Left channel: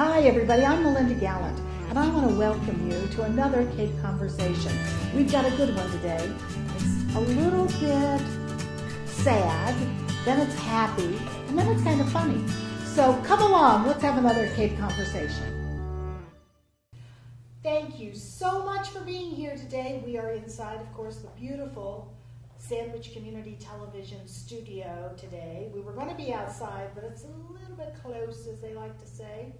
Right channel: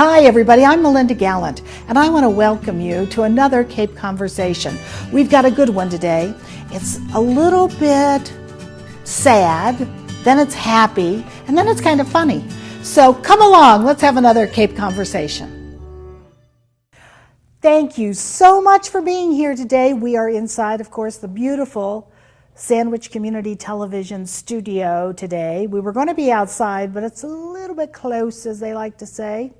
Hi everybody, I'm Melinda Gallant, and I want to welcome you to another Cape Conversation. We've got a good one today. It's a little bit sad, then it's happy, and then it's kind of funny. So come along, let's have another Cape Conversation. Thank you so much for being here today. We are inside, of course, the beautiful Sandwich Community Television studio today. We were going to be outside, but it's a little bit close, as they like to say.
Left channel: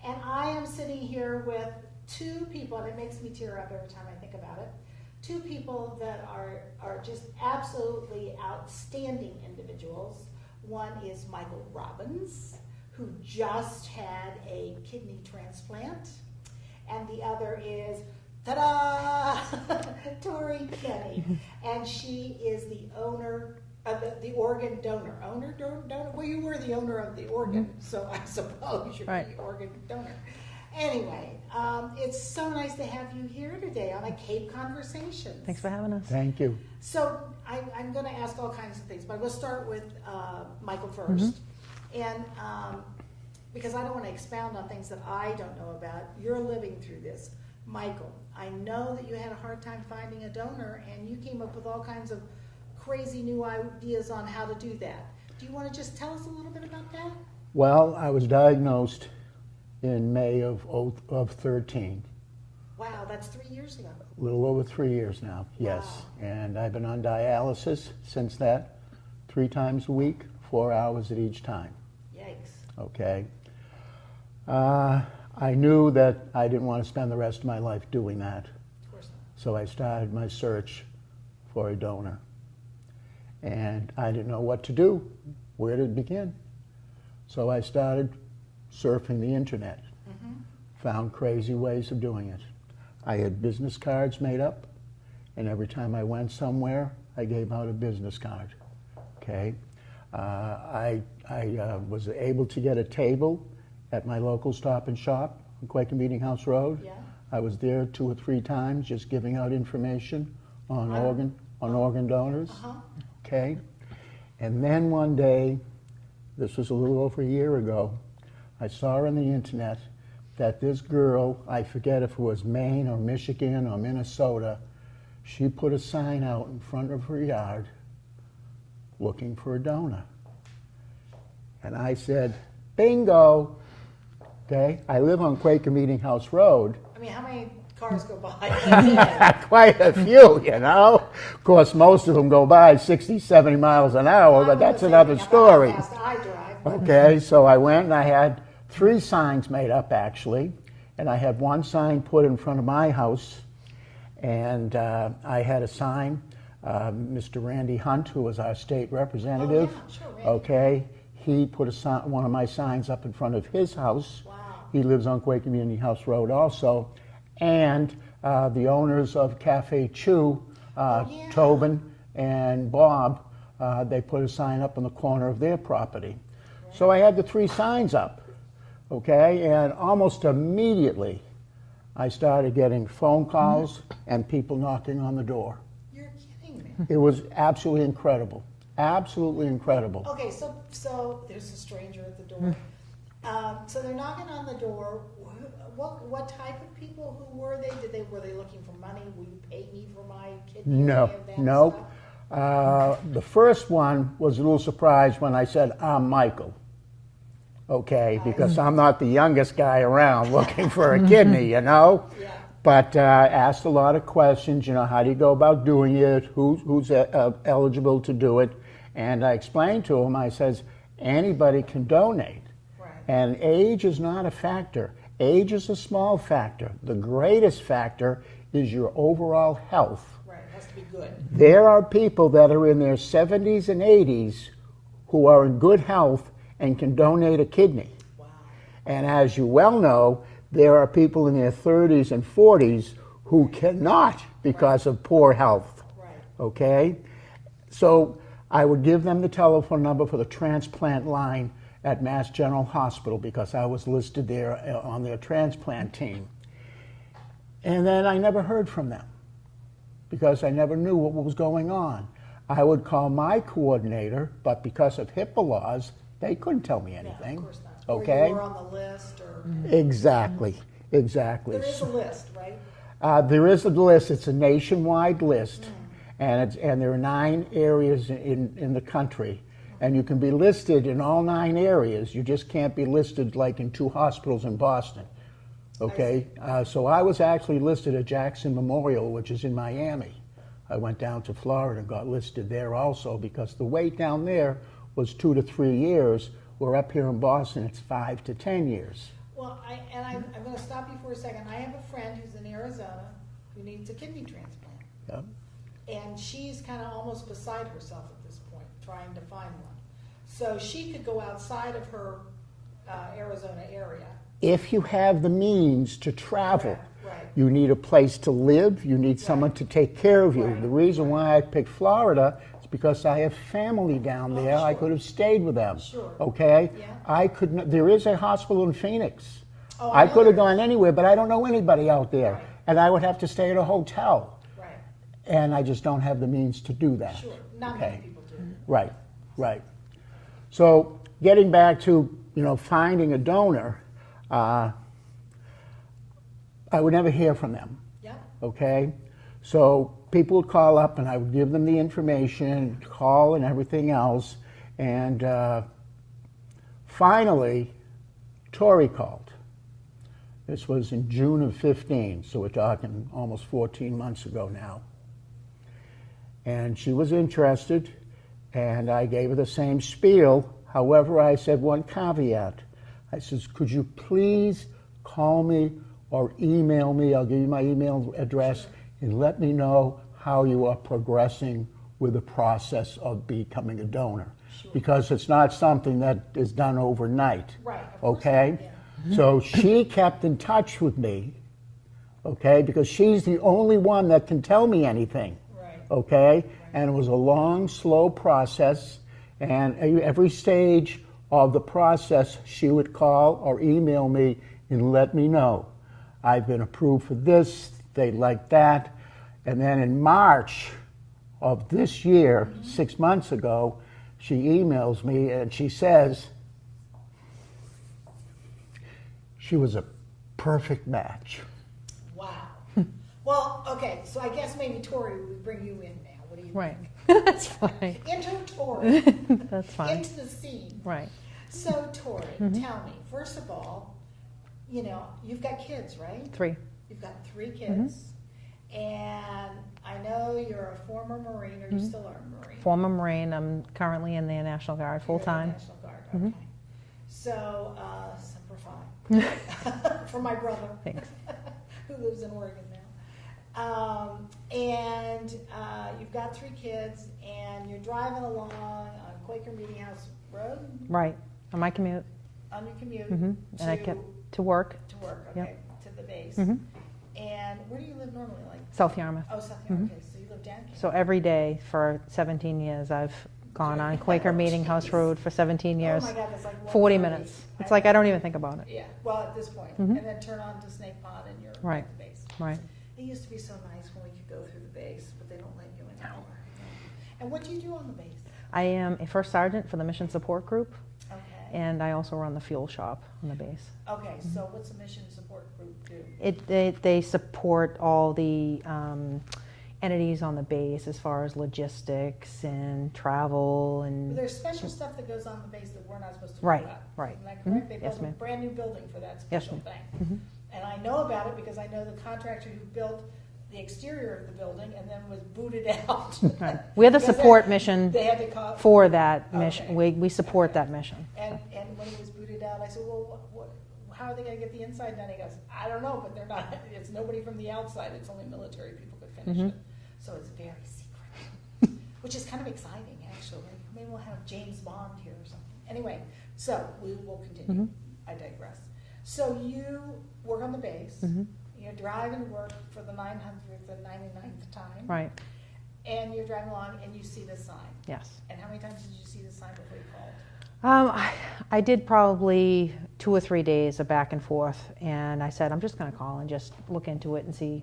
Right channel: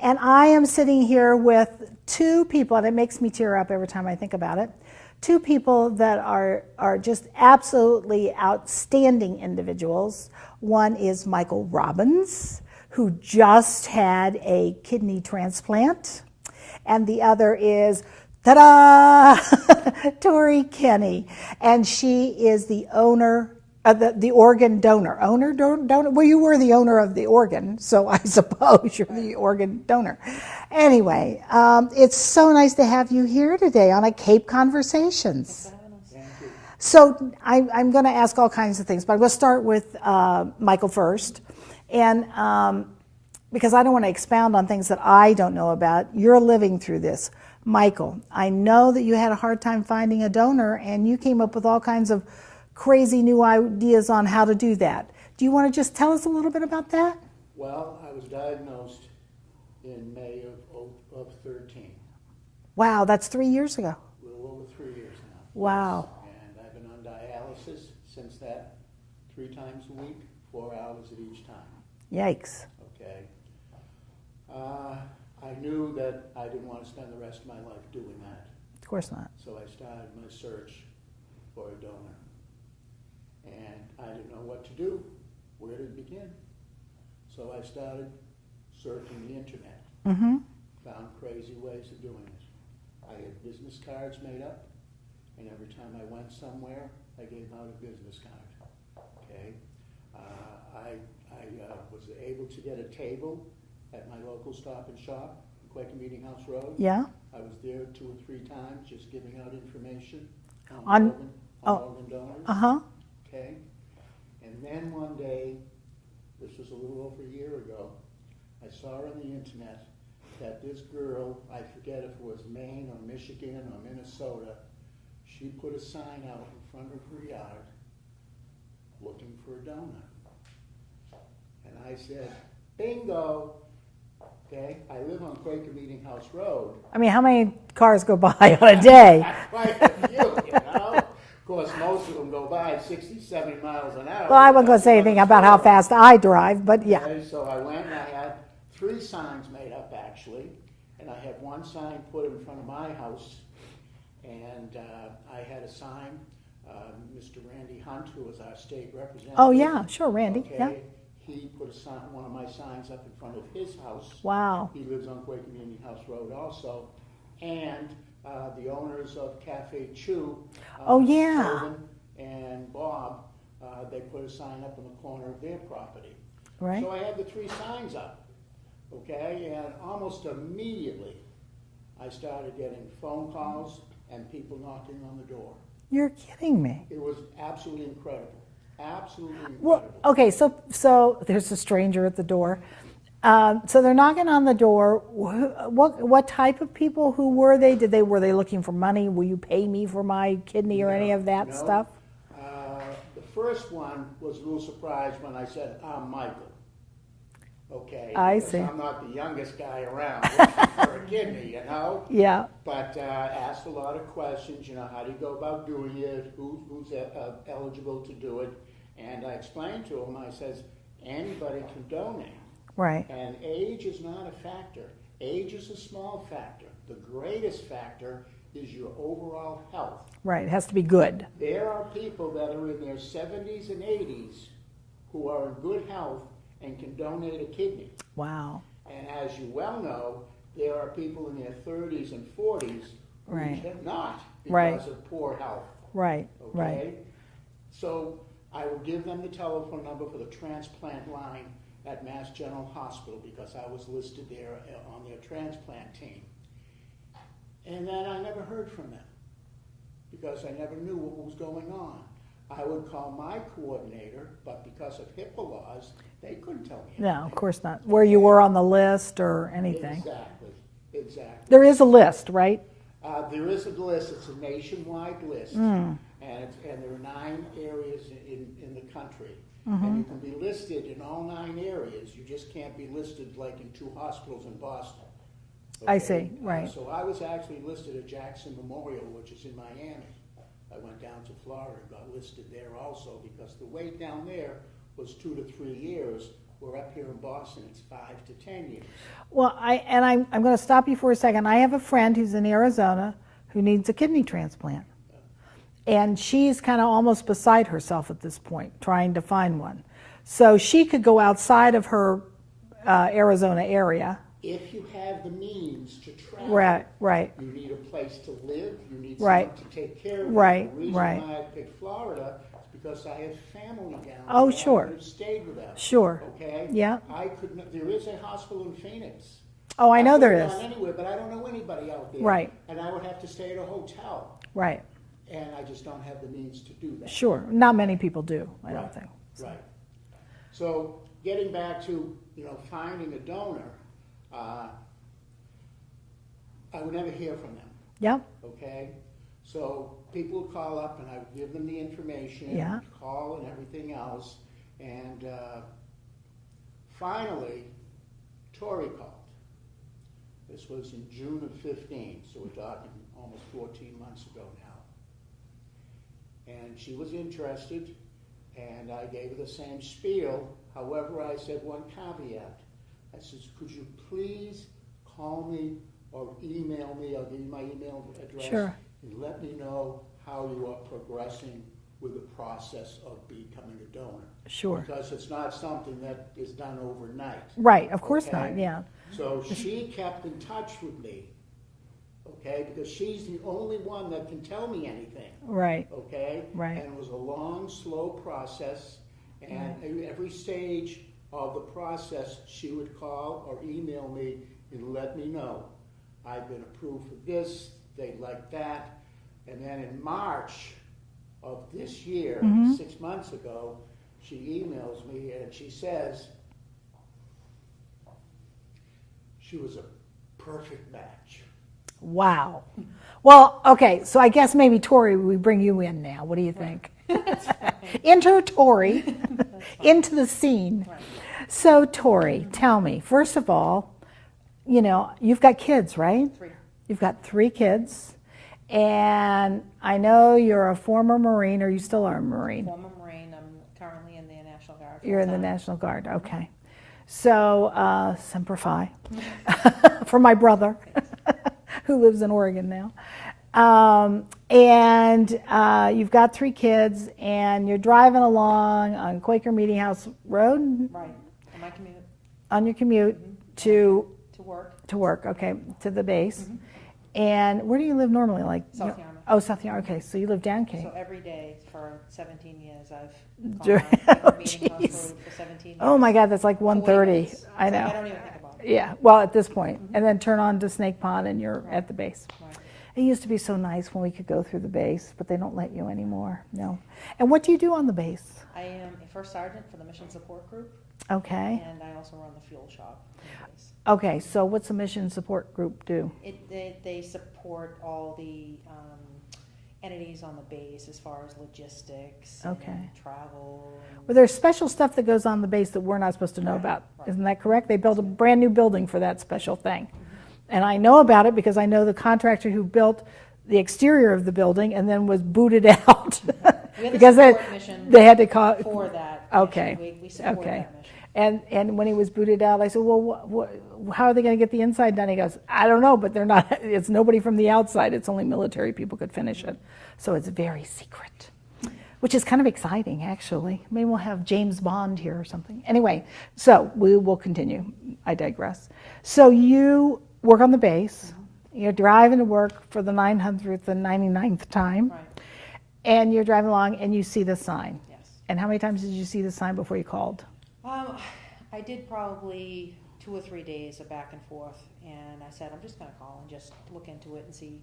And I am sitting here with two people, and it makes me tear up every time I think about it. Two people that are just absolutely outstanding individuals. One is Michael Robbins, who just had a kidney transplant. And the other is, ta-da, Tori Kenny. And she is the owner, the organ donor. Donor? Well, you were the owner of the organ, so I suppose you're the organ donor. Anyway, it's so nice to have you here today on a Cape Conversations. Thanks for having us. Thank you. So I'm going to ask all kinds of things, but we'll start with Michael first. And because I don't want to expound on things that I don't know about, you're living through this. Michael, I know that you had a hard time finding a donor, and you came up with all kinds of crazy new ideas on how to do that. Do you want to just tell us a little bit about that? Well, I was diagnosed in May of 13. Wow, that's 3 years ago. A little over 3 years now. Wow. Yes. And I've been on dialysis since that, 3 times a week, 4 hours at each time. Yikes. Okay. I knew that I didn't want to spend the rest of my life doing that. Of course not. So I started my search for a donor. And I didn't know what to do, where to begin. So I started surfing the internet, found crazy ways of doing it. I had business cards made up, and every time I went somewhere, I gave out a business card, okay? I was able to get a table at my local Stop and Shop on Quaker Meeting House Road. Yeah. I was there 2 or 3 times just giving out information on organ donors. Okay. And then one day, this was a little over a year ago, I saw on the internet that this girl, I forget if it was Maine or Michigan or Minnesota, she put a sign out in front of her yard looking for a donor. And I said, bingo. Okay, I live on Quaker Meeting House Road. I mean, how many cars go by on a day? Quite a few, you know. Of course, most of them go by 60, 70 miles an hour. Well, I wasn't going to say anything about how fast I drive, but okay, yeah. So I went and I had 3 signs made up, actually. And I had 1 sign put in front of my house. And I had a sign, Mr. Randy Hunt, who was our state representative. Oh, yeah, sure, Randy. Okay. Yeah. He put one of my signs up in front of his house. Wow. He lives on Quaker Community House Road also. And the owners of Cafe Chew, Tobin and Bob, they put a sign up in the corner of their property. Right. So I had the 3 signs up, okay? And almost immediately, I started getting phone calls and people knocking on the door. You're kidding me. It was absolutely incredible. Absolutely incredible. Well, okay, so there's a stranger at the door. So they're knocking on the door. What type of people? Who were they? Were they looking for money? Will you pay me for my kidney or any of that stuff? The first one was a little surprised when I said, I'm Michael. Okay, because I'm not the youngest guy around looking for a kidney, you know? Yeah. But asked a lot of questions, you know, how do you go about doing it? Who's eligible to do it? And I explained to him, I says, anybody can donate. Right. And age is not a factor. Age is a small factor. The greatest factor is your overall health. Right, it has to be good. There are people that are in their 70s and 80s who are in good health and can donate a kidney. Wow. And as you well know, there are people in their 30s and 40s who cannot because of poor health. Right. Okay? Right. So I would give them the telephone number for the transplant line at Mass General Hospital because I was listed there on their transplant team. And then I never heard from them because I never knew what was going on. I would call my coordinator, but because of HIPAA laws, They couldn't tell me anything. No, of course not. Where you Okay? were on the list or anything. Exactly, exactly. There is a list, right? There is a list. It's a nationwide list, and there are 9 areas in the country, and you can be listed in all 9 areas. You just can't be listed like in 2 hospitals in Boston. Okay? I see, right. So I was actually listed at Jackson Memorial, which is in Miami. I went down to Florida and got listed there also because the wait down there was 2 to 3 years. We're up here in Boston, it's 5 to 10 years. Well, I'm going to stop you for a second. I have a friend who's in Arizona who needs a kidney transplant. Yep. And she's kind of almost beside herself at this point, trying to find one. So she could go outside of her Arizona area. If you have the means to travel, Right. you need a place to live, you need someone Right. to take care of you. Right, The reason right. why I picked Florida is because I have family down there. Oh, sure. I could have stayed with them. Sure. Okay? Yeah. I could not, there is a hospital in Phoenix. Oh, I know could there have gone is. anywhere, but I don't know anybody out there. Right. And I would have to stay at a hotel. Right. And I just don't have the means to do that. Sure. Not many Okay. people do, I Right, don't think. right. So getting back to, finding a donor, I would never hear from them, Yeah. okay? So people would call up and I would give them the information, Yeah. call and everything else. And finally, Tori called. This was in June of 15, so we're talking almost 14 months ago now. And she was interested, and I gave her the same spiel. However, I said one caveat. I says, could you please call me or email me? I'll give you my email address, Sure. and let me know how you are progressing with the process of becoming a donor. Sure. Because it's not something that is done overnight. Right, of course okay? not, yeah. So she kept in touch with me, okay, because she's the only one that can tell me anything. Right. Okay? Right. And it was a long, slow process, and every stage of the process, she would call or email me and let me know. I've been approved for this, they like that. And then in March of this year, 6 months ago, she emails me and she says she was a perfect match. Wow. Well, okay, so I guess maybe Tori, we bring you in now. What do you think? That's fine. Enter Tori That's fine. into the scene. Right. So Tori, tell me, first of all, you've got kids, right? 3. You've got 3 kids. And I know you're a former Marine, or you still are a Marine. Former Marine. I'm currently in the National Guard full You're in time. the National Guard, okay. So, Semper Fi, for my brother, who lives in Oregon now. And you've got 3 kids, and you're driving along on Quaker Meeting House Road Right. On my commute on your commute And I to to work. work, okay, to the base. And where do you live normally? Like South Yarmouth. Oh, South Yarmouth. Okay, so you live down Cape. So every day for 17 years, I've gone Dur- on Quaker Meeting Jeez. House Road for 17 years. Oh my God, that's like 40 1:30. minutes. It's like I don't even think about it. Yeah, well, at this point. And then turn on to Snake Pond and you're Right. at the base. Right. It used to be so nice when we could go through the base, but they don't let you anymore. No. And what do you do on the base? I am a first sergeant for the Mission Support Group, Okay. and I also run the fuel shop in the base. Okay, so what's the mission support group do? They support all the entities on the base as far as logistics Okay. and travel and Well, there's special stuff that goes on the base that we're not supposed to know Right, about. right. Isn't that correct? They built Yes, a ma'am. brand new building for that special thing. And I know about it because I know the contractor who built the exterior of the building and then was booted out. We had the Because support mission They had to call. for that Okay. mission. We support Okay. that mission. And when he was booted out, I said, well, how are they going to get the inside done? He goes, I don't know, but they're not. It's nobody from the outside. It's only military people could finish it. So it's very secret, which is kind of exciting, actually. Maybe we'll have James Bond here or something. Anyway, so we will continue. I digress. So you work on the base. You're driving to work for the 900th and 99th time. Right. And you're driving along and you see the sign. Yes. And how many times did you see the sign before you called? I did probably 2 or 3 days of back and forth, and I said, I'm just going to call and just look into it and see,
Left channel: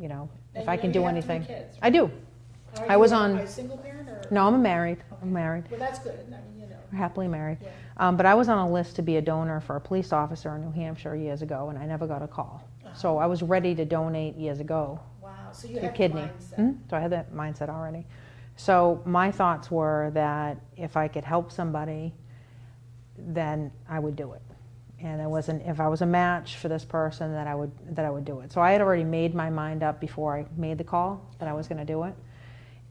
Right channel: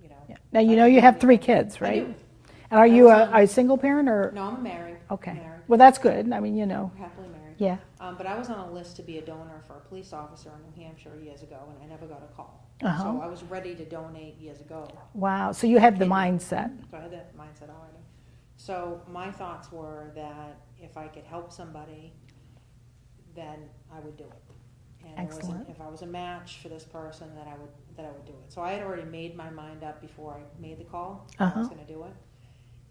Now, if you I know can you do have 3 anything. kids, right? I do. And are I you was a single parent or? No, I'm married. Okay. I'm married. Well, that's good. I mean, you know. We're happily married. Yeah. But I was on a list to be a donor for a police officer in New Hampshire years ago, and I never got a call. So I was ready to donate years ago. Wow. So you had the Kidney. mindset. So I had that mindset already. So my thoughts were that if I could help somebody, then I would do it. And it wasn't, if I was a match for this person, that I would do it. So I had already made my mind up before I made the call that I was going to do it.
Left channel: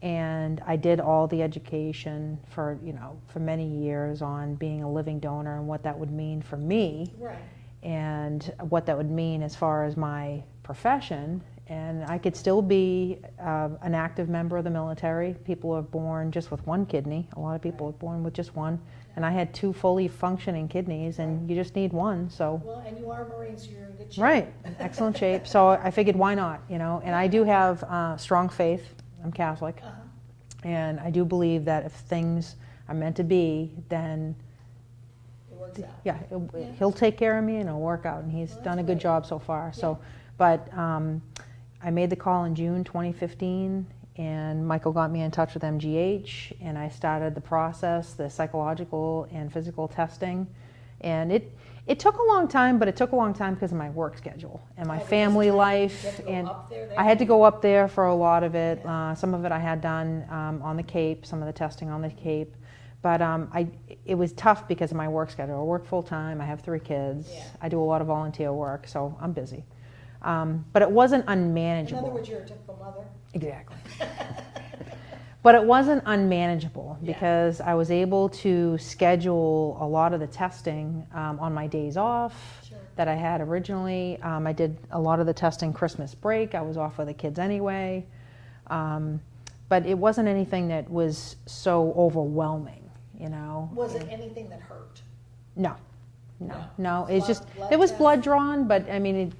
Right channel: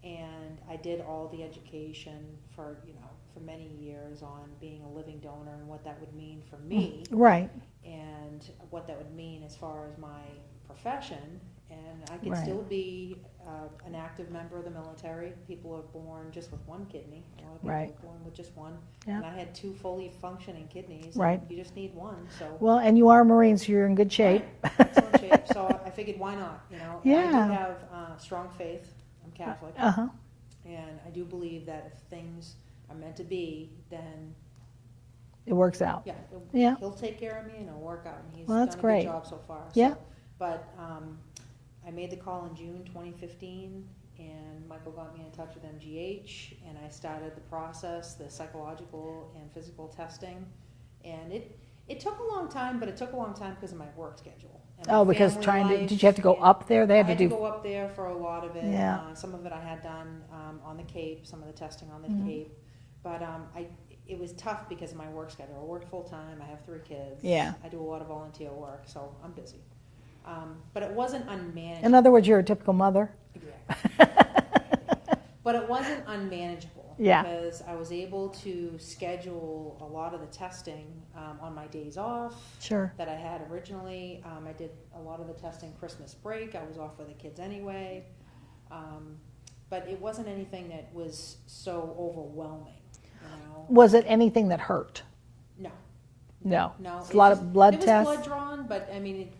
And I did all the education for many years on being a living donor and what that would mean for me. Right. And what that would mean as far as my profession. And I could Right. still be an active member of the military. People are born just with one kidney. A lot of people Right. are born with just one. Yeah. And I had 2 fully functioning kidneys, and Right. you just need one. So Well, and you are a Marine, so you're in good shape. right, excellent shape. So I figured, why not? And I do Yeah. have strong faith. I'm Catholic, and I do believe that if things are meant to be, then It works out. yeah, Yeah. he'll take care of me and it'll work out. And he's Well, that's done a great. good job so far. Yeah. So, but I made the call in June 2015, and Michael got me in touch with MGH, and I started the process, the psychological and physical testing, and it took a long time, but it took a long time because of my work schedule and my Because family life. did you have to go and up there? I had to go up there for a lot of it. Yeah. Some of it I had done on the Cape, some of the testing on the Mm-hmm. Cape, but it was tough because of my work schedule. I work full time. I have 3 kids. Yeah. I do a lot of volunteer work, so I'm busy. But it wasn't unmanageable. In other words, you're a typical mother. Exactly. But it wasn't unmanageable Yeah. because I was able to schedule a lot of the testing on my days off Sure. that I had originally. I did a lot of the testing Christmas break. I was off with the kids anyway. But it wasn't anything that was so overwhelming. Was it anything that hurt? No. No. No, It's a lot of blood it was tests? blood drawn, but I mean,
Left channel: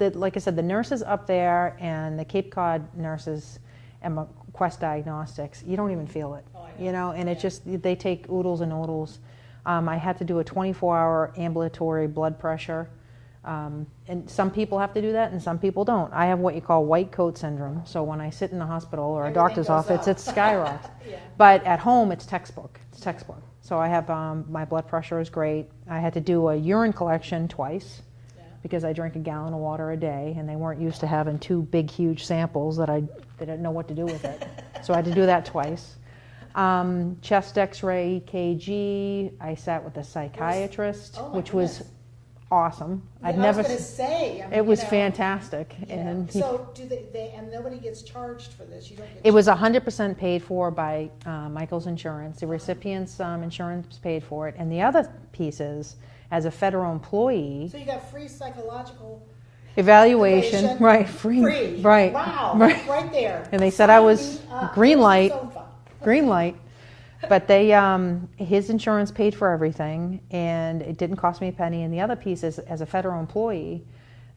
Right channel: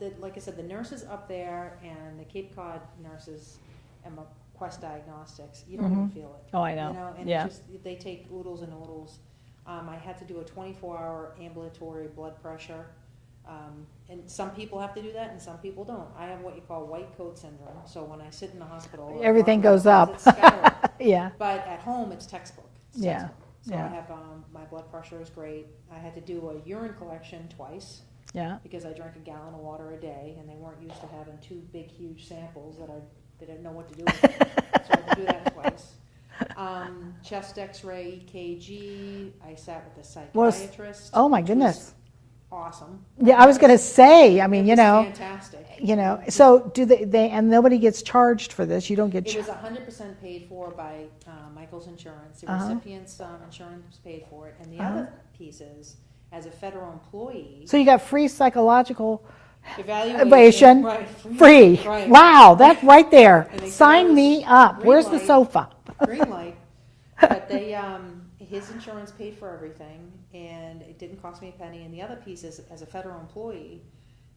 like I said, the nurses up there and the Cape Cod nurses and Quest Diagnostics, you don't even feel it. Oh, I know. And Yeah. it just, they take oodles and oodles. I had to do a 24-hour ambulatory blood pressure. And some people have to do that and some people don't. I have what you call white coat syndrome. So when I sit in the hospital or Everything a doctor's goes office, up. it's skyrocket. Yeah. But at home, it's textbook. It's Yeah. textbook. So Yeah. I have, my blood pressure is great. I had to do a urine collection twice Yeah. because I drink a gallon of water a day, and they weren't used to having 2 big, huge samples that they didn't know what to do with it. So I had to do that twice. Chest X-ray, EKG. I sat with a psychiatrist. Oh, my which goodness. was awesome. Yeah, I was going to say, I mean, it was fantastic. And so do they, and nobody gets charged for this? You don't get it was 100% paid for by Michael's insurance. The recipient's insurance paid for it. And the other piece is, as a federal employee, So you got free psychological evaluation. Right, free. Right. Wow, that's right there. And they said Sign I was me up. green Where's light. the sofa? Green light. But they, his insurance paid for everything, and it didn't cost me a penny. And the other piece is, as a federal employee,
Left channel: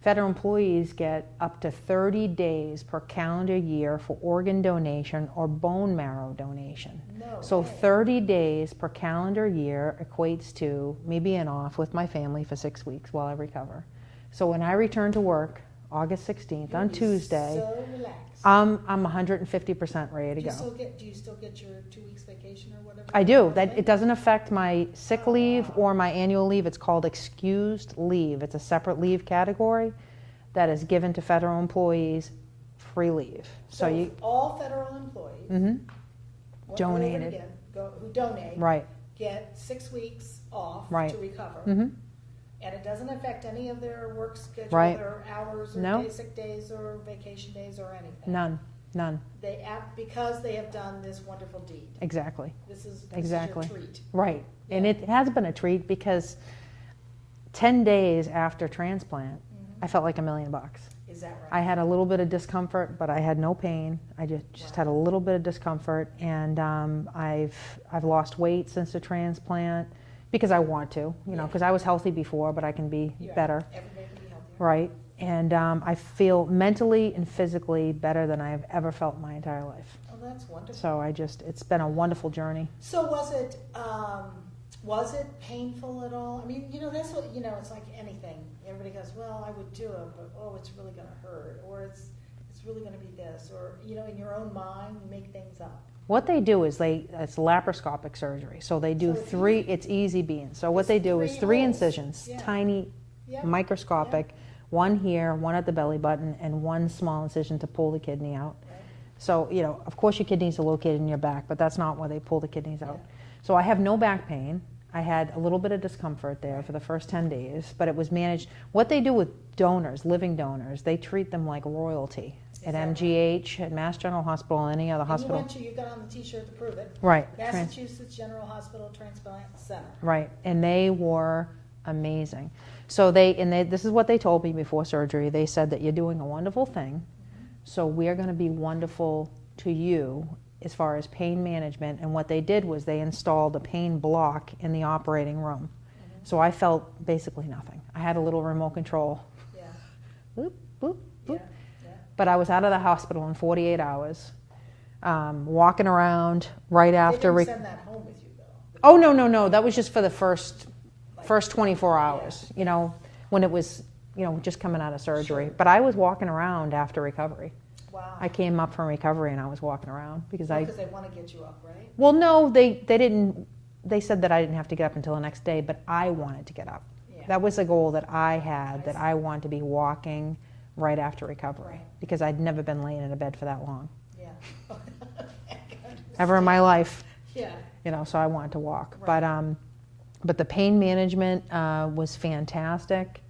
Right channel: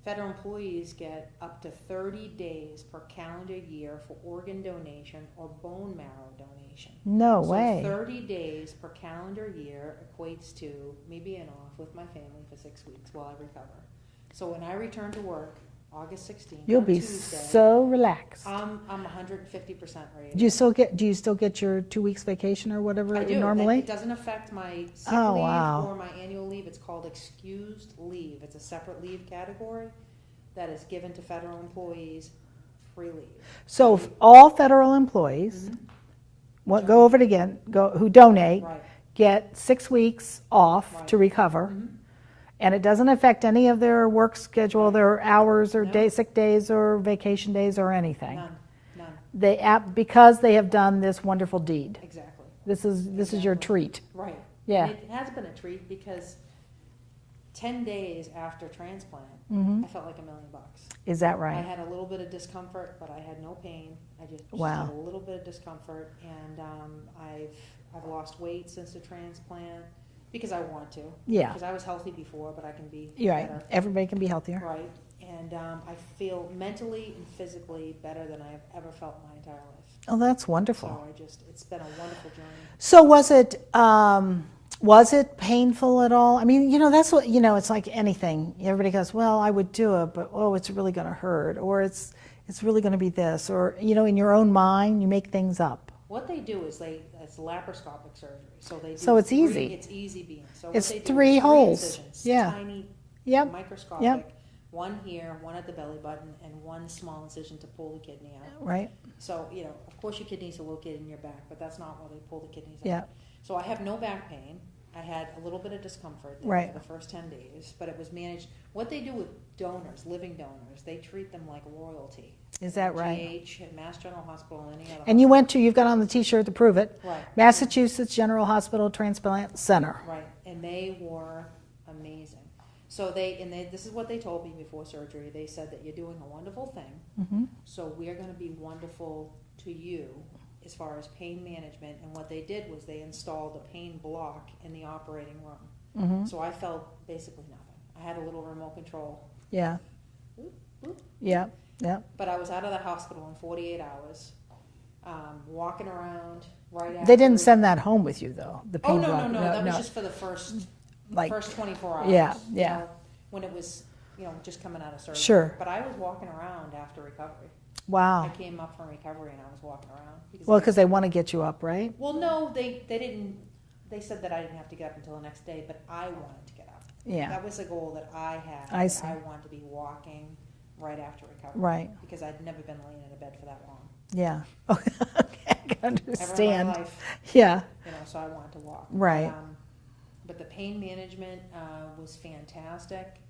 federal employees get up to 30 days per calendar year for organ donation or bone marrow donation. No So way. 30 days per calendar year equates to me being off with my family for 6 weeks while I recover. So when I return to work, August 16th, You'll on be Tuesday, so relaxed. I'm 150% ready to Do you go. do you still get your 2 weeks vacation or whatever? I do. Normally? It doesn't affect my sick Oh, leave wow. or my annual leave. It's called excused leave. It's a separate leave category that is given to federal employees, free leave. So you- all federal employees, go over it Donate. again, who donate, Right. get 6 weeks off Right. to recover. And it doesn't affect any of their work schedule, Right. their hours or No. sick days or vacation days or anything. None. Because they have done this wonderful deed. Exactly. This is your Exactly. treat. Right. Yeah. And it has been a treat because 10 days after transplant, I felt like $1 million. Is that right? I had a little bit of discomfort, but I had no pain. I just had a little bit of discomfort, and I've lost weight since the transplant because I want to. Yeah. Because I was healthy before, but I can be You're right. better. Everybody can be healthier. Right. And I feel mentally and physically better than I have ever felt in my entire life. Oh, that's wonderful. So it's been a wonderful journey. So was it painful at all? I mean, that's what, it's like anything. Everybody goes, well, I would do it, but oh, it's really going to hurt. Or it's really going to be this, or in your own mind you make things up. What they do is it's laparoscopic surgery. So they do So it's three, easy. it's easy beans. So what It's they do three is 3 holes. incisions, Yeah. tiny, Yep. microscopic, one here, one at the belly button, and one small incision to pull the kidney out. Right. So, of course your kidneys are located in your back, but that's not where they pull the kidneys out. Yeah. So I have no back pain. I had a little bit of discomfort there Right. for the first 10 days, but it was managed. What they do with donors, living donors, they treat them like royalty. Is at that right? MGH, at Mass General Hospital, any other hospital. And you've got on the T-shirt to prove it. Right. Massachusetts General Hospital Transplant Center. Right, and they were amazing. So this is what they told me before surgery. They said that you're doing a wonderful thing, so we're going to be wonderful to you as far as pain management. And what they did was they installed a pain block in the operating room. So I felt basically nothing. I had a little remote control. Yeah. Boop, boop. Yeah. Yeah. But I was out of the hospital in 48 hours, walking around right after. They didn't send that home with you though. The Oh, pain no, no, block. no. That was just for the first 24 hours. Yeah, You know, when it was, just coming out of surgery. Sure. But I was walking around after recovery. Wow. I came up from recovery and I was walking around because Because they want to get you up, right? well, no, they didn't. They said that I didn't have to get up until the next day, but I wanted to get up. Yeah. That was the goal that I had. I that see. I wanted to be walking right after recovery. Right. Because I'd never been laying in a bed for that long. Yeah. Okay, I can understand. Ever in my life. Yeah. So I wanted to walk. Right. But the pain management was fantastic.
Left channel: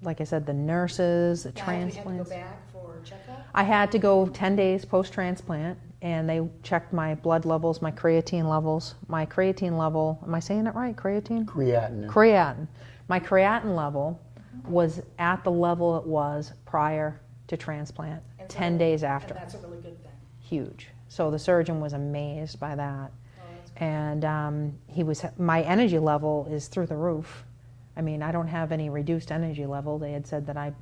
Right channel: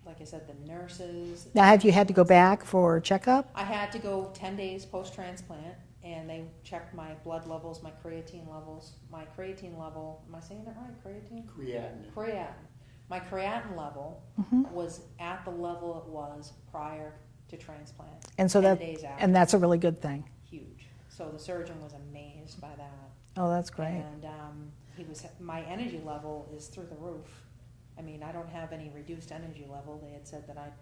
Like I said, the nurses. The Now, have you had to go transplants. back for checkup? I had to go 10 days post-transplant, and they checked my blood levels, my creatine levels. My creatine level, am I saying it right? Creatine? Creatinine. Creatinine. My creatinine level was at the level it was prior to transplant, And so 10 days after. And that's a really good thing. Huge. So the surgeon was amazed by that. Oh, that's great. And my energy level is through the roof. I mean, I don't have any reduced energy level. They had said that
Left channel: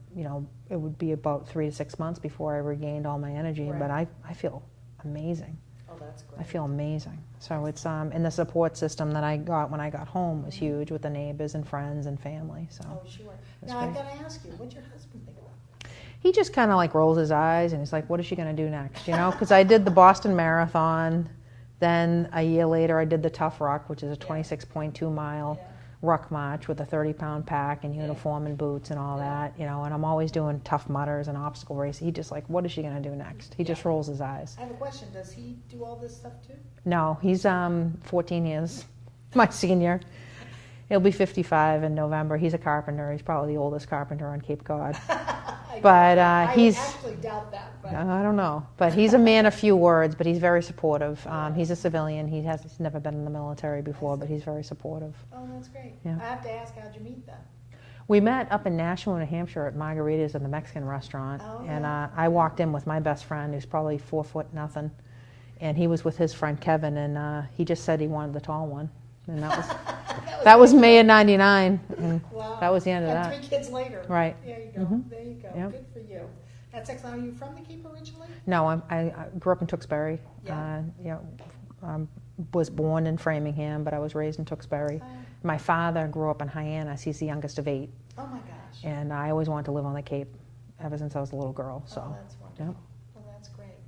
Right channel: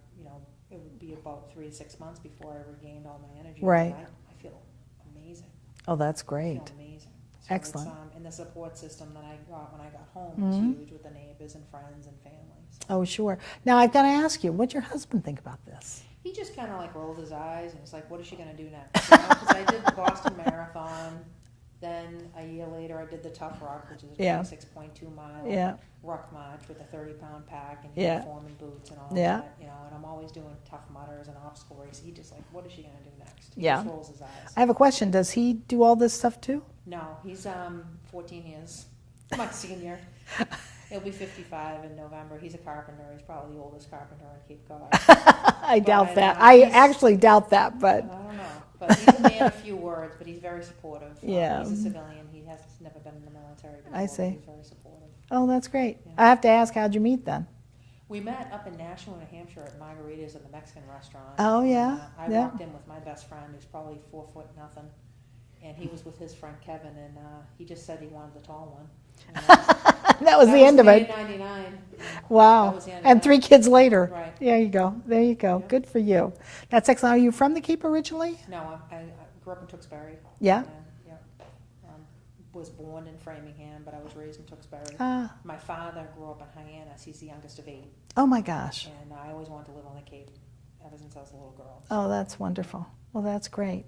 it would be about 3 to 6 months before I regained all my energy. Right. But I feel amazing. Oh, that's great. I feel amazing. So it's Excellent. and the support system that I got when I got home was huge with the neighbors and friends and family. So Oh, sure. Now, I've got to ask you, what's your husband think about this? he just kind of like rolls his eyes and he's like, "What is she going to do next?" Because I did the Boston Marathon. Then a year later, I did the Tough Ruck, which is a Yeah. 26.2 mile Yeah. ruck march with a 30-pound pack and Yeah. uniform and boots and all Yeah. that. And I'm always doing Tough Mudders and obstacle races. He just like, what is she going to do next? He Yeah. just rolls his eyes. I have a question. Does he do all this stuff too? No, he's 14 years, my senior. He'll be 55 in November. He's a carpenter. He's probably the oldest carpenter on Cape Cod. I But, doubt that. uh, I he's- actually doubt that, but I don't know, but he's a man of few words, but he's very supportive. Yeah. He's a civilian. He's never been in the military before, but see. he's very supportive. oh, that's great. Yeah. I have to ask, how'd you meet then? We met up in Nashua, New Hampshire at Margaritas in the Mexican restaurant. Oh, And, yeah, I yeah. walked in with my best friend, who's probably 4 foot nothing, and he was with his friend Kevin, and he just said he wanted the tall one. And That was that the was end of May it. of '99. and Wow. That was the end of And that. 3 kids later. Right. There you go. There you go. Yep. Good for you. That's excellent. Are you from the Cape originally? No, I grew up in Tewksbury. Yeah. Was born in Framingham, but I was raised in Tewksbury. Ah. My father grew up in Hyannis. He's the youngest of 8, Oh my gosh. and I always wanted to live on the Cape ever since I was a little girl. So. Oh, that's wonderful. Well, that's great.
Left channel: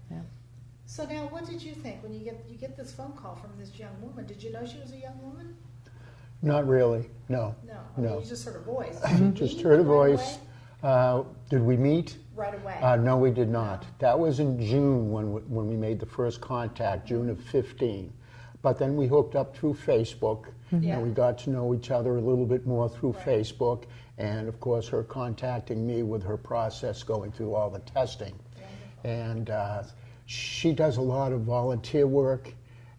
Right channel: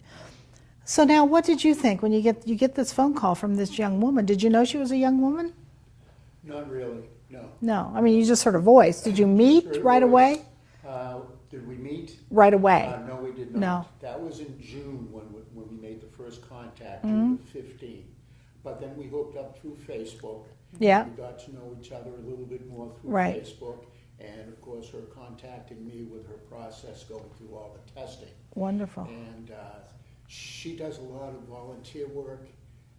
So now, what did you think when you get this phone call from this young woman? Did you know she was a young woman? Not really, no. No. I mean, you just heard a voice. Did you Just meet heard a right voice. away? Did we meet? Right away. No, we did not. No. That was in June when we made the first contact, June of 15. But then we hooked up through Facebook. Yeah. And we got to know each other a little bit more through Right. Facebook. And of course, her contacting me with her process going through all the testing. Wonderful. And she does a lot of volunteer work,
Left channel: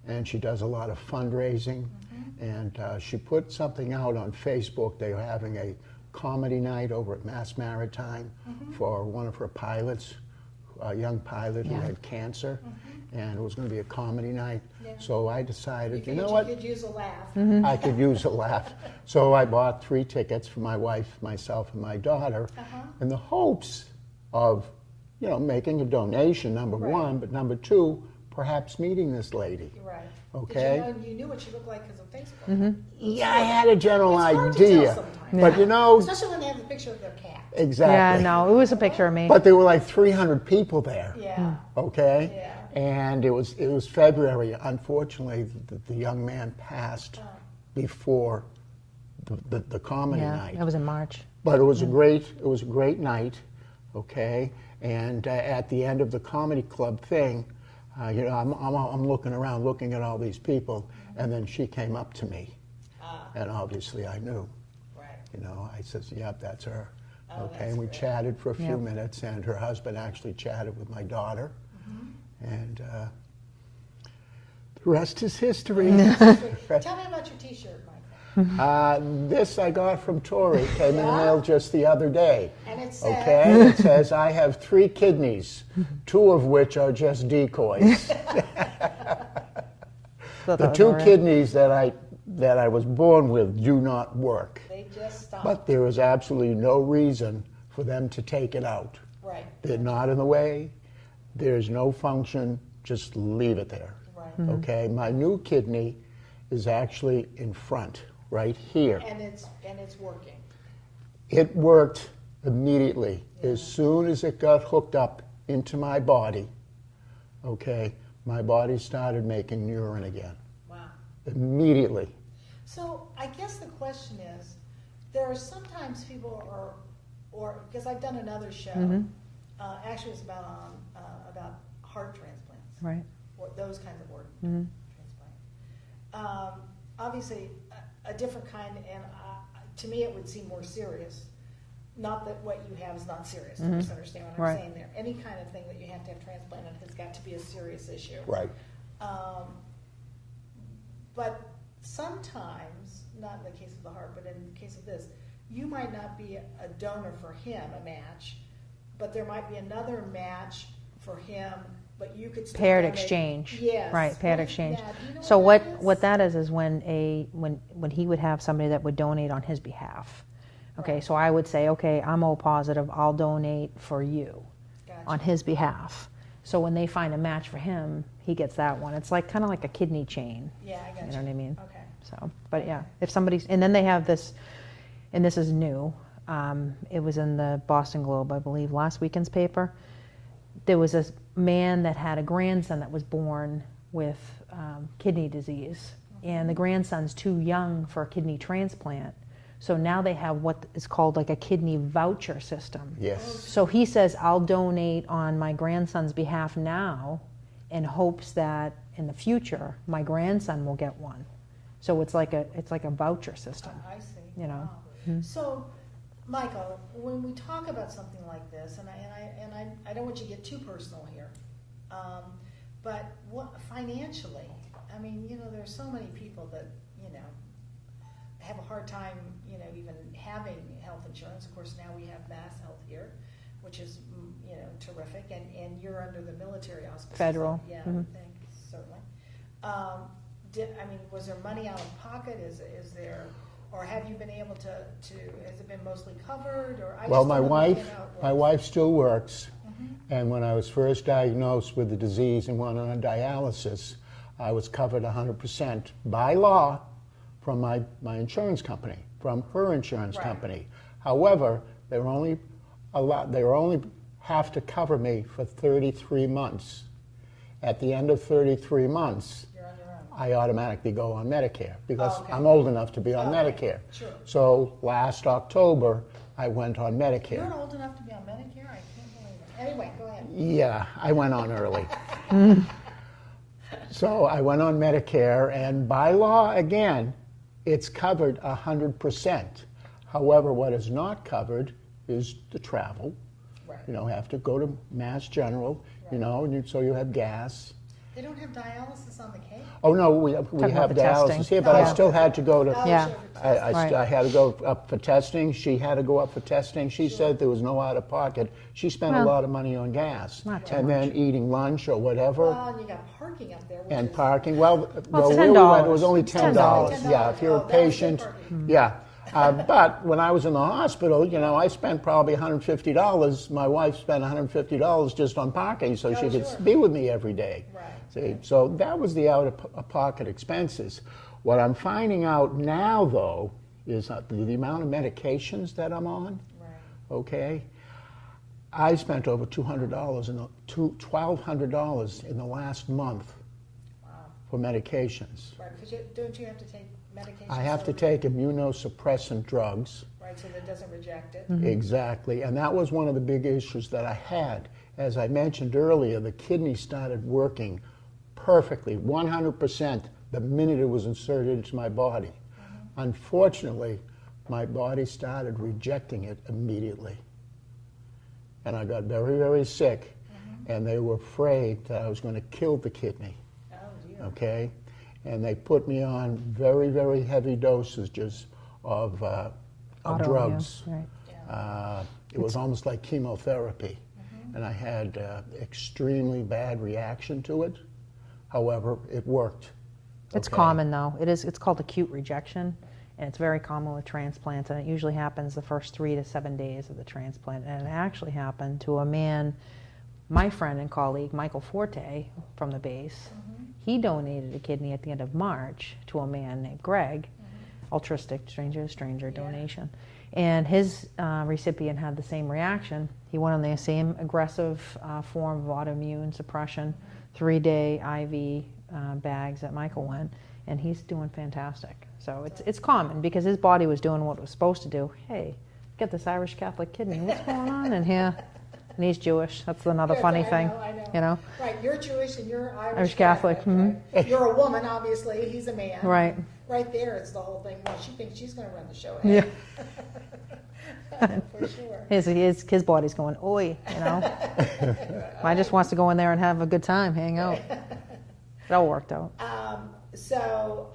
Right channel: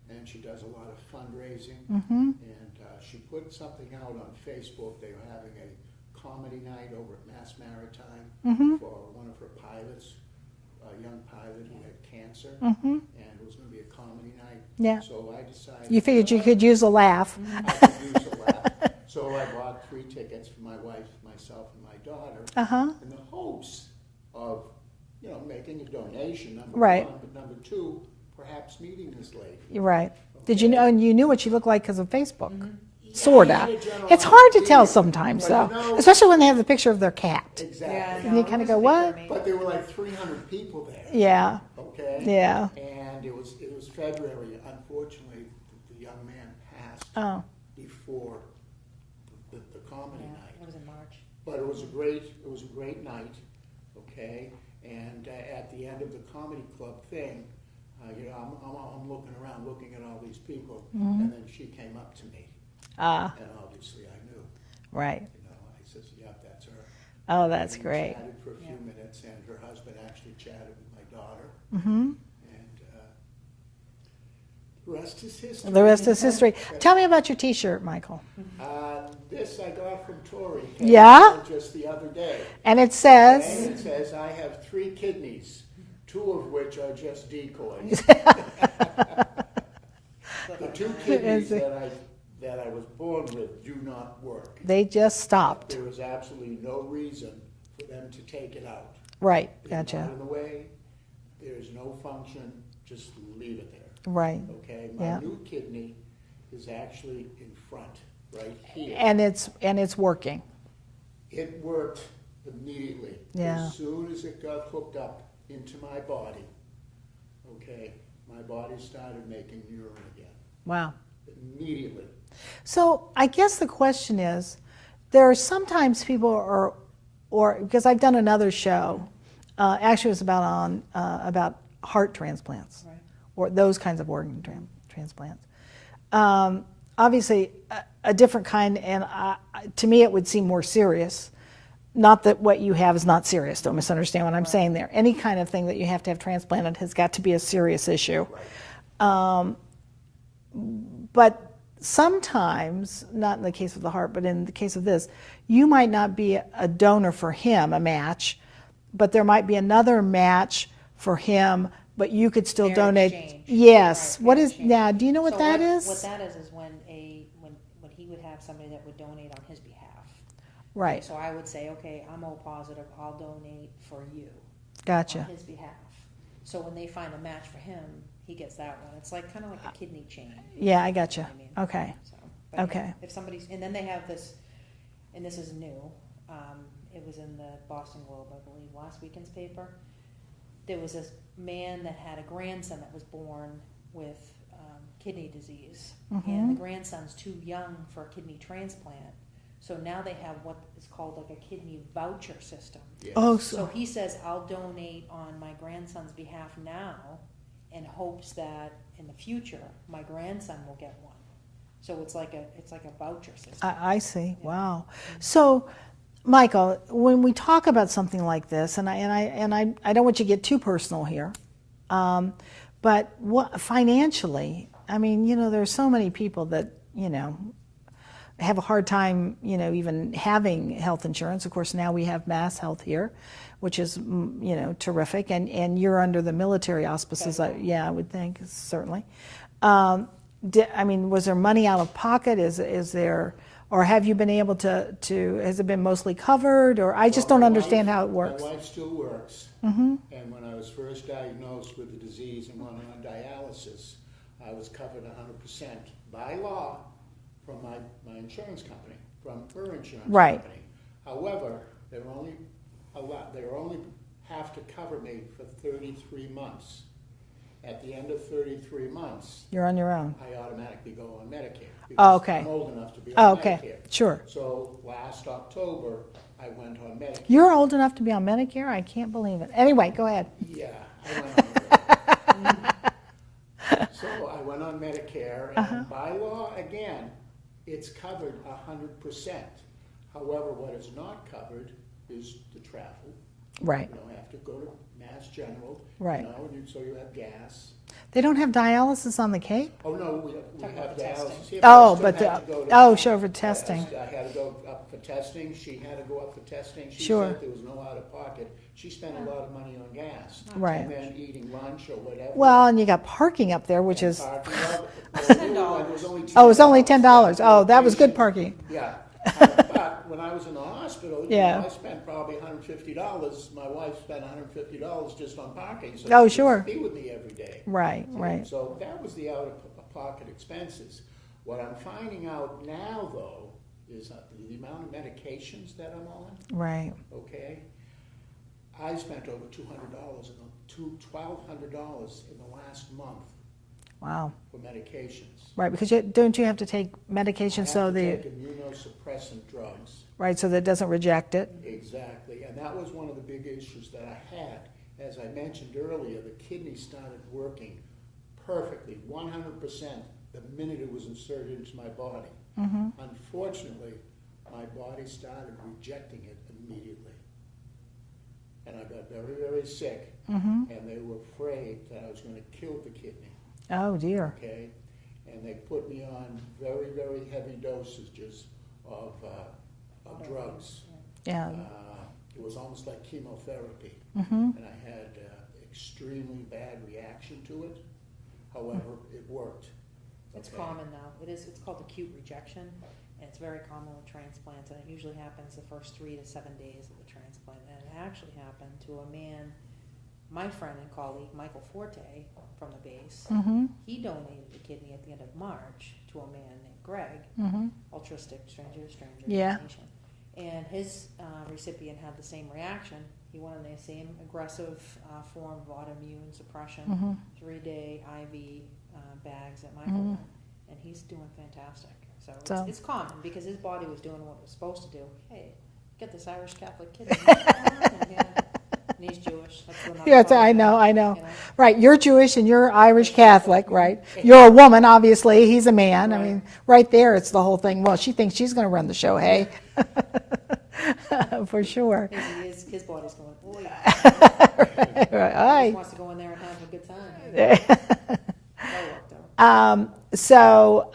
and she does a lot of fundraising. And she put something out on Facebook. They were having a comedy night over at Mass Maritime for one of her pilots, a young pilot who had cancer, and it was going to be a comedy night. Yeah. So I decided, You figured know you what? could use a laugh. I could use a laugh. So I bought 3 tickets for my wife, myself, and my daughter, in the hopes of, making a donation, number Right. one, but number 2, perhaps meeting this lady. You're right. Did you Okay. know, and you knew what she looked like because of Facebook? Yeah, Sort I of. had a general It's hard to tell idea. sometimes, But though. you know, Especially when they have the picture of their cat. exactly. Yeah, no, You it was a kinda go, picture of "What?" me. But there were like 300 people there. Yeah. Okay. Yeah. And it was February. Unfortunately, the young man passed before the comedy Yeah, night. that was in March. But it was a great night, okay. And at the end of the comedy club thing, you know, I'm looking around, looking at all these people, and then she came up to me, and obviously I knew. Right. You know, I said, "Yep, that's her." Oh, Okay, that's and great. We chatted for a few Yep. minutes, and her husband actually chatted with my daughter, and the rest is history. The rest is history. Tell me about your T-shirt, Michael. This I got from Tori. Came Yeah? mailed just the other day. And it says, Okay, it says, "I have 3 kidneys, 2 of which are just decoys." The 2 kidneys that I was born with do not work. they just But stopped. there is absolutely no reason for them to take it out. Right. They're Gotcha. not in the way. There's no function. Just leave it there. Right. Okay. My Yeah. new kidney is actually in front, right here. And it's working. It worked immediately. Yeah. As soon as it got hooked up into my body, okay, my body started making urine again. Wow. Immediately. So I guess the question is, there are sometimes people or because I've done another show, actually it was about heart transplants, Right. or those kinds of organ transplants. Obviously, a different kind, and to me it would seem more serious. Not that what you have is not serious. Don't misunderstand what I'm Right. saying there. Any kind of thing that you have to have transplanted has got to be a serious issue. Right. But sometimes, not in the case of the heart, but in the case of this, you might not be a donor for him, a match, but there might be another match for him, but you could still Paired donate. exchange. Yes. Right, What paired is exchange. now? Do you know what so that is? what that is when when he would have somebody that would donate on his behalf. Okay, Right. so I would say, okay, I'm O positive, I'll donate for you Gotcha. on his behalf. So when they find a match for him, he gets that one. It's like kind of like a kidney chain. Yeah, I got You know what I mean? Okay. So, but yeah, Okay. if somebody's, and then they have this, and this is new. It was in the Boston Globe, I believe, last weekend's paper. There was a man that had a grandson that was born with kidney disease, and the grandson's too young for a kidney transplant. So now they have what is called like a kidney voucher system. Yes. Oh, So he says, I'll donate on my grandson's behalf now in hopes that in the future my grandson will get one. So it's like a voucher system. I see. You know? Wow. So, Michael, when we talk about something like this, and I don't want you to get too personal here, but financially, I mean, you know, there's so many people that, you know, have a hard time, you know, even having health insurance. Of course, now we have Mass Health here, which is, you know, terrific, and you're under the military auspices. Federal. I would think, certainly. I mean, was there money out of pocket? Is there, or have you been able to? Has it been mostly covered? Or I just Well, don't my understand wife- how it works. My wife still works, and when I was first diagnosed with the disease and went on dialysis, I was covered 100% by law from my insurance company, from her insurance Right. company. However, they were only have to cover me for 33 months. At the end of 33 months, You're on your own. I automatically go on Medicare because okay. I'm old enough to be on Okay, Medicare. sure. So last October, I went on Medicare. You're old enough to be on Medicare? I can't believe it. Anyway, go ahead. Yeah, I went on early. So I went on Medicare, and by law, again, it's covered 100%. However, what is not covered is the travel. Right. You know, have to go to Mass General, Right. you know, and so you have gas. They don't have dialysis on the Cape? Oh, no, we have about the dialysis testing. here, but I still but had to go to... Oh, Yeah. sure, for testing. I had to go up for testing. She had to go up for testing. She Sure. said there was no out-of-pocket. She spent a Well, lot of money on gas. not Right. And then eating lunch or whatever. Well, and you got parking up there, which and is, parking. Well, Well, where we went, it $10. was only $10. oh, it was only $10. Yeah, if you're Oh, a that was good patient- parking. Yeah. But when I was in the hospital, you Yeah. know, I spent probably $150. My wife spent $150 just on parking, so Oh, she sure. could be with me every day. Right, See? right. So that was the out-of-pocket expenses. What I'm finding out now, though, is the amount of medications that I'm on. Right. Okay, I spent over $200 $1,200 in the last month Wow. for medications. Right, because don't you have to take medication I so have to the take immunosuppressant drugs. right so that it doesn't reject it? Exactly, and that was one of the big issues that I had. As I mentioned earlier, the kidney started working perfectly, 100%, the minute it was inserted into my body. Unfortunately, my body started rejecting it immediately. And I got very, very sick, and they were afraid that I was going to kill the kidney. Oh dear. Okay, and they put me on very, very heavy dosages of Autoimmune, drugs. right. Yeah. It was almost like chemotherapy, and I had extremely bad reaction to it. However, it worked. It's Okay? common though. It's called acute rejection, and it's very common with transplants, and it usually happens the first 3 to 7 days of the transplant. And it actually happened to a man, my friend and colleague, Michael Forte from the base. He donated a kidney at the end of March to a man named Greg, altruistic, stranger to stranger Yeah. donation. And his recipient had the same reaction. He went on the same aggressive form of autoimmune suppression, 3-day IV bags that Michael went, and he's doing fantastic. So it's common because his body was doing what it was supposed to do. Hey, get this Irish Catholic kidney. What's going on in here? And he's Jewish. That's another Yes, funny I thing. know, I know. You know? Right, you're Jewish and you're Irish Irish Catholic, Catholic, right? You're a woman, obviously. He's a man. I Right. mean, right there, it's the whole thing. Well, she thinks she's going to run the show, hey? For sure. His body's going, oi. You know? I Aye. just wants to go in there and have a good time, hang out. It all worked out. So,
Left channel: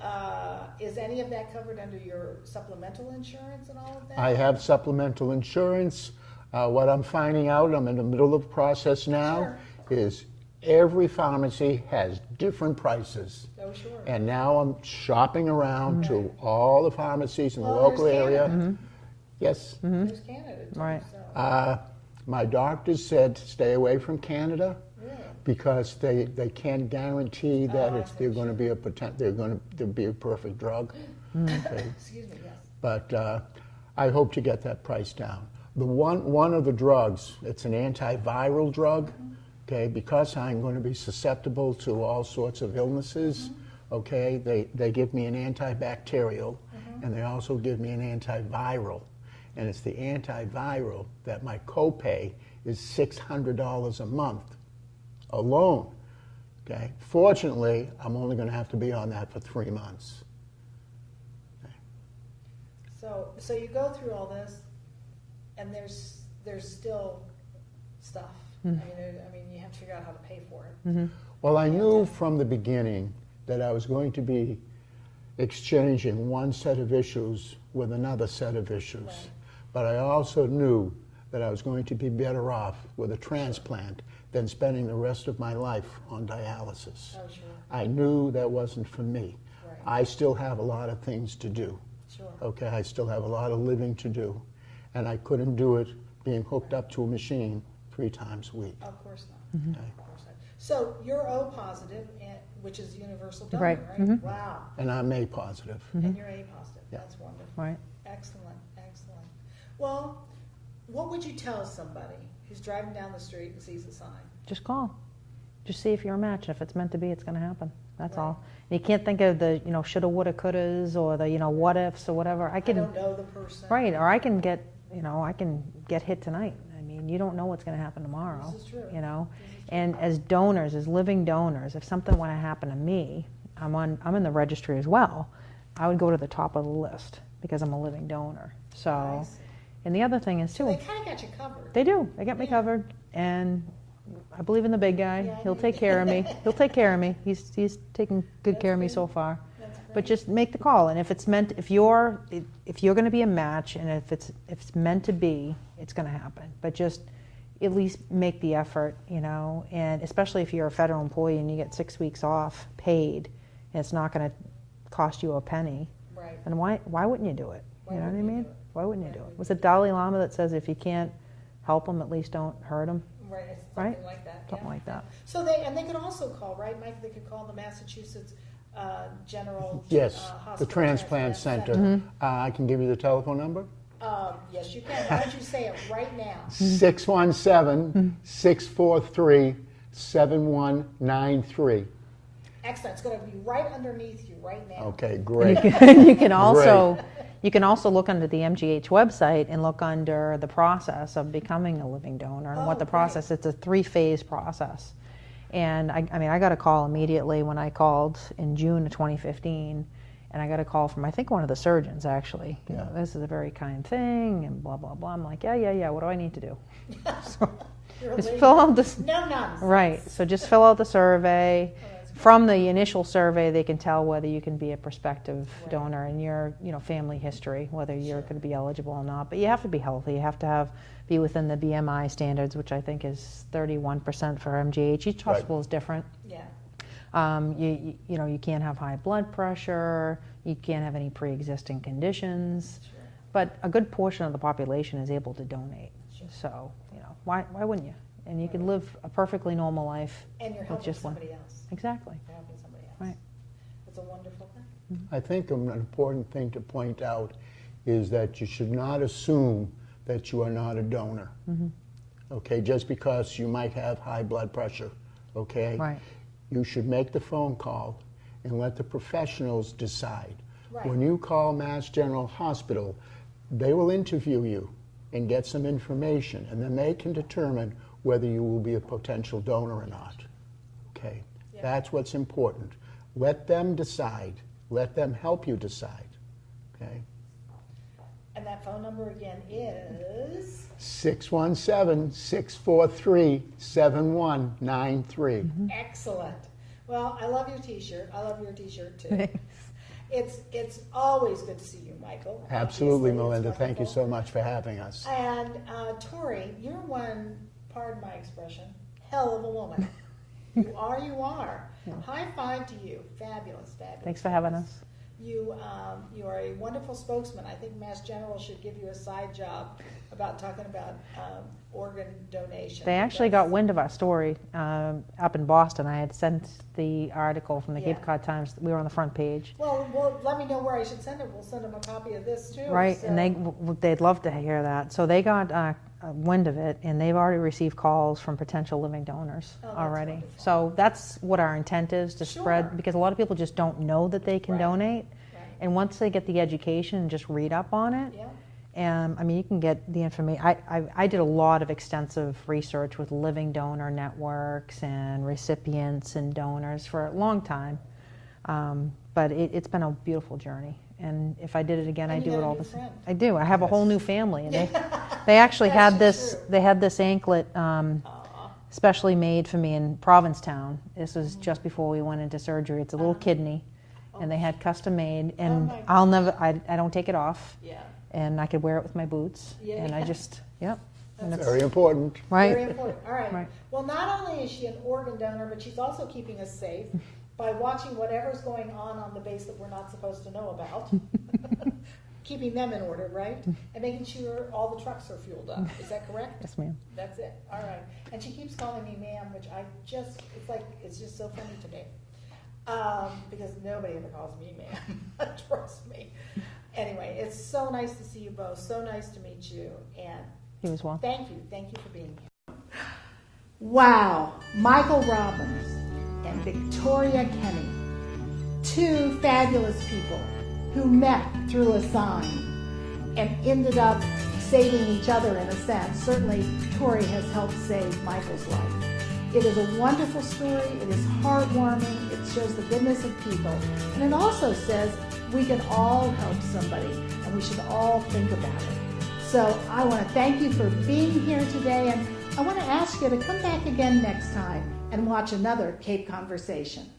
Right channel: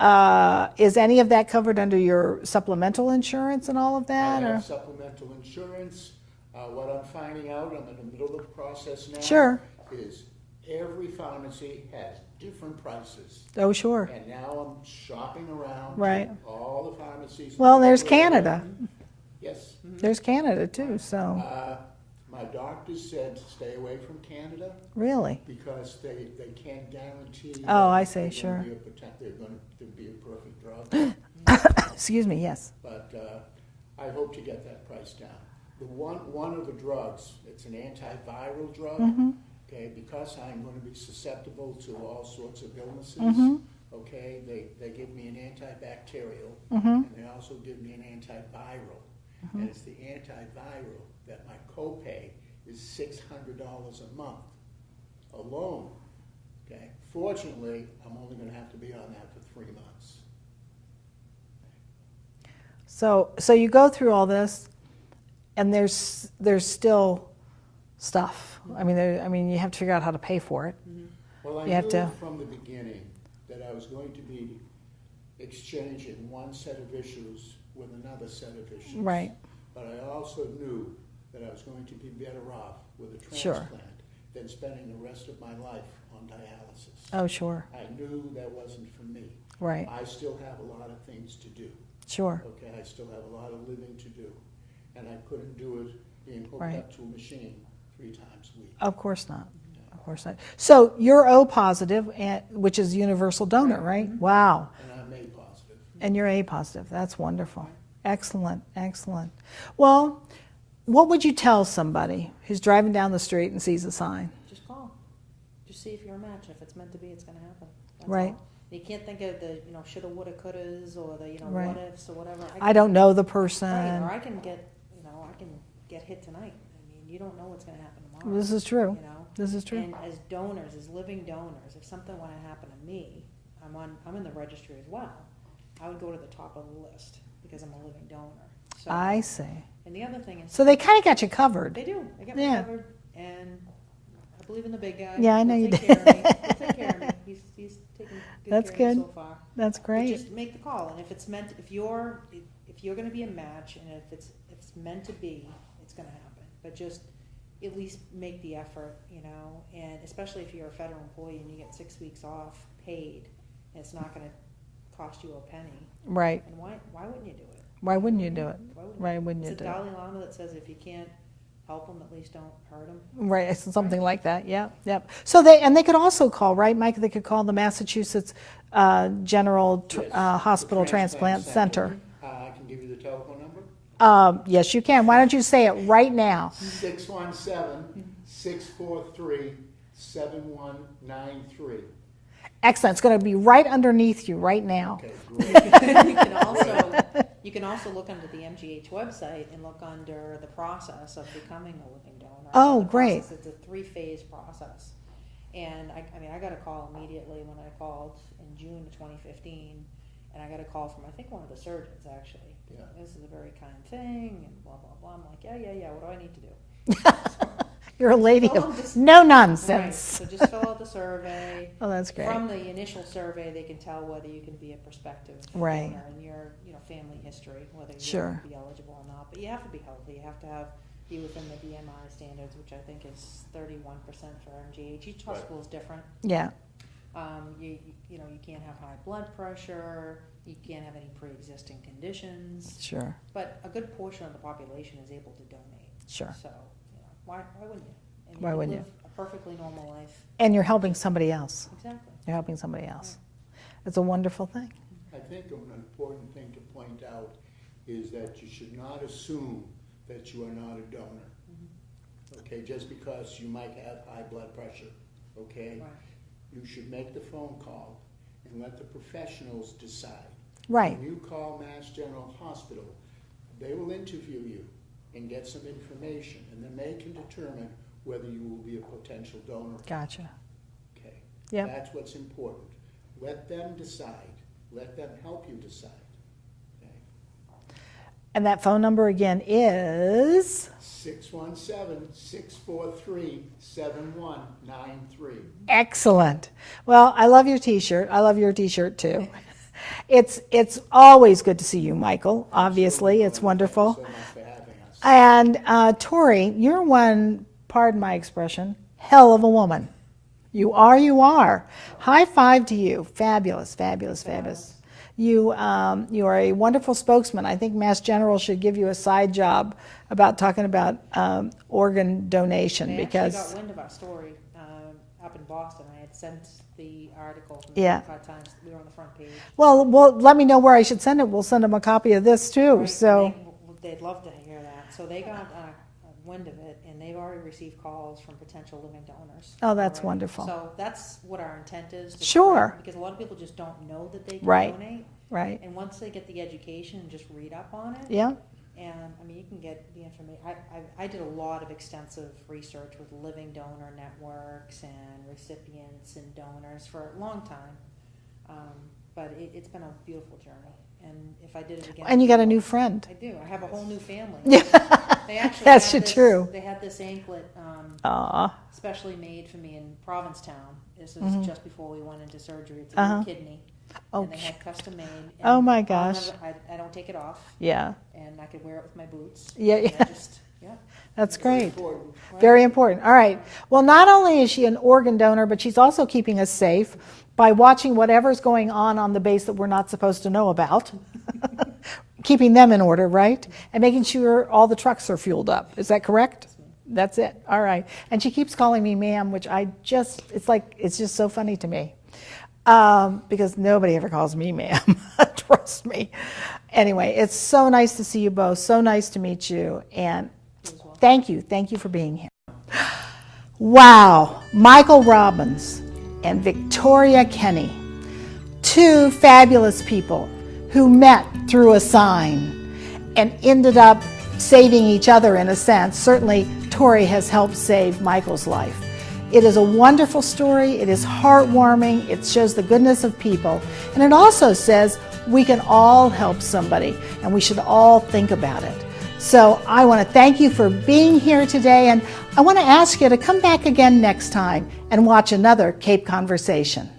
is any of that covered under your supplemental insurance and all of that? I or- have supplemental insurance. What I'm finding out, I'm in the middle of the process now, Sure. is every pharmacy has different prices. Oh, sure. And now I'm shopping around Right. to all the pharmacies in Well, the there's local area. Canada. Yes. There's Canada too, Right. so My doctors said stay away from Canada really. because they can't guarantee that Oh, I it's- see, they're sure. going to be they're going to be a perfect drug. Excuse me, yes. But I hope to get that price down. The one of the drugs, it's an antiviral drug. Okay, because I'm going to be susceptible to all sorts of illnesses. Okay, they give me an antibacterial, and they also give me an antiviral. And it's the antiviral that my copay is $600 a month alone. Okay, fortunately, I'm only going to have to be on that for 3 months. So you go through all this, and there's still stuff. I mean, you have to figure out how to pay for it. Well, I You have knew to- from the beginning that I was going to be exchanging one set of issues with another set of issues. Right. But I also knew that I was going to be better off with a transplant than spending the rest of my life on dialysis. Oh, sure, I knew that wasn't for me. right, I still have a lot of things to do. sure. Okay, I still have a lot of living to do. And I couldn't do it being hooked Right. up to a machine 3 times a week. Of course not. Of course not. So you're O positive, which is universal donor, Right. right? Wow. And I'm A positive. And you're A positive. That's wonderful. Excellent, excellent. Well, what would you tell somebody who's driving down the street and sees a sign? Just call. Just see if you're a match. If it's meant to be, it's going to happen. That's Right. all. You can't think of the, shoulda, woulda, couldas, or the, Right. what ifs or whatever. I don't know the person. Right, or I can get hit tonight. I mean, you don't know what's going to happen tomorrow. This is true. You know. This is true. And as donors, as living donors, if something were to happen to me, I'm in the registry as well. I would go to the top of the list because I'm a living donor. So I see. And the other thing is, So they kind of got you covered. they do. They got me Yeah. covered, and I believe in the big guy. Yeah, I know He'll you take do. care of me. He'll take care of me. He's taken good That's care of me good. so far. That's great. But just make the call, and if it's meant, if you're going to be a match, and if it's meant to be, it's going to happen. But just at least make the effort, and especially if you're a federal employee and you get 6 weeks off paid, and it's not going to cost you a penny. Right, And why wouldn't you do it? Why You know wouldn't what I you mean? do it? Why wouldn't Why you do it? wouldn't Was you it do it? Dalai Lama that says if you can't help them, at least don't hurt them? Right, it's something like that. Yeah, like yeah. that. So they could also call, right, Mike? They could call the Massachusetts General Yes, the Hospital Transplant Center. I can give you the telephone number. Yes, you can. Why don't you say it right now? 617-643-7193. Excellent. It's going to be right underneath you right now. Okay, great. You can also look under the MGH website and look under the process of becoming a living donor. And Oh, what the great. process, it's a 3-phase process. And I mean, I got a call immediately when I called in June of 2015, and I got a call from, I think, one of the surgeons, actually. You know, this is a very kind thing, and blah, blah, blah. I'm like, yeah, what do I need to do? You're a lady fill of out this- no nonsense. Right, so just fill out the survey. Oh, that's great. From the initial survey, they can tell whether you can be a prospective Right. donor and your, family history, whether you Sure. could be eligible or not. But you have to be healthy. You have to be within the BMI standards, which I think is 31% for MGH. Each hospital is different. Yeah. You can't have high blood pressure. You can't have any pre-existing conditions. Sure. But a good portion of the population is able to donate. Sure. So, why wouldn't you? And you Why can wouldn't live a perfectly normal life. And you're helping somebody else. Exactly. You're helping somebody else. Right. It's a wonderful thing. I think an important thing to point out is that you should not assume that you are not a donor. Okay, just because you might have high blood pressure, okay? Right. You should make the phone call and let the professionals decide. Right. When you call Mass General Hospital, they will interview you and get some information, and then they can determine whether you will be a potential donor or Gotcha. not. Okay? Yeah. That's what's important. Let them decide. Let them help you decide. Okay? And that phone number again is 617-643-7193. excellent. Well, I love your T-shirt. I love your T-shirt too. It's always good to see you, Michael. Obviously, Absolutely, it's Melinda. wonderful. Thank you so much for having us. And Tori, you're one, pardon my expression, hell of a woman. You are. High five to you. Fabulous, fabulous, Thanks for having fabulous. us. You are a wonderful spokesman. I think Mass General should give you a side job about talking about organ donation. They actually because- got wind of our story up in Boston. I had sent the article from the Yeah. Cape Cod Times. We were on the front page. Well, let me know where I should send it. We'll send them a copy of this too. Right, So and they'd love to hear that. So they got wind of it, and they've already received calls from potential living donors. Oh, that's already. wonderful. So that's what our intent is to Sure. spread, because a lot of people just don't know that they can Right. donate. Right. And once they get the education and just read up on it, yeah. and I mean, you can get the information. I did a lot of extensive research with living donor networks and recipients and donors for a long time, but it's been a beautiful journey. And if I did it again, And I'd you do got it a all new the- friend. I do. I have a whole new family. Yeah. They actually That's had this. true. They had this anklet Aw. specially made for me in Provincetown. This was just before we went into surgery. It's a little kidney, and they had custom made. And Oh, my I'll gosh. never. I don't take it off, Yeah. and I could wear it with my boots. Yeah, And yeah. I just. Yep. That's Very great. important. Right. Very important. All right. Right. Well, not only is she an organ donor, but she's also keeping us safe by watching whatever's going on the base that we're not supposed to know about. Keeping them in order, right? And making sure all the trucks are fueled up. Is that correct? Yes, ma'am. That's it. All right. And she keeps calling me ma'am, which it's just so funny to me. Because nobody ever calls me ma'am. Trust me. Anyway, it's so nice to see you both. So nice to meet you. And You as well. thank you. Thank you for being here. Wow. Michael Robbins and Victoria Kenny, two fabulous people who met through a sign and ended up saving each other in a sense. Certainly, Tori has helped save Michael's life. It is a wonderful story. It is heartwarming. It shows the goodness of people. And it also says we can all help somebody and we should all think about it. So I want to thank you for being here today, and I want to ask you to come back again next time and watch another Cape Conversation.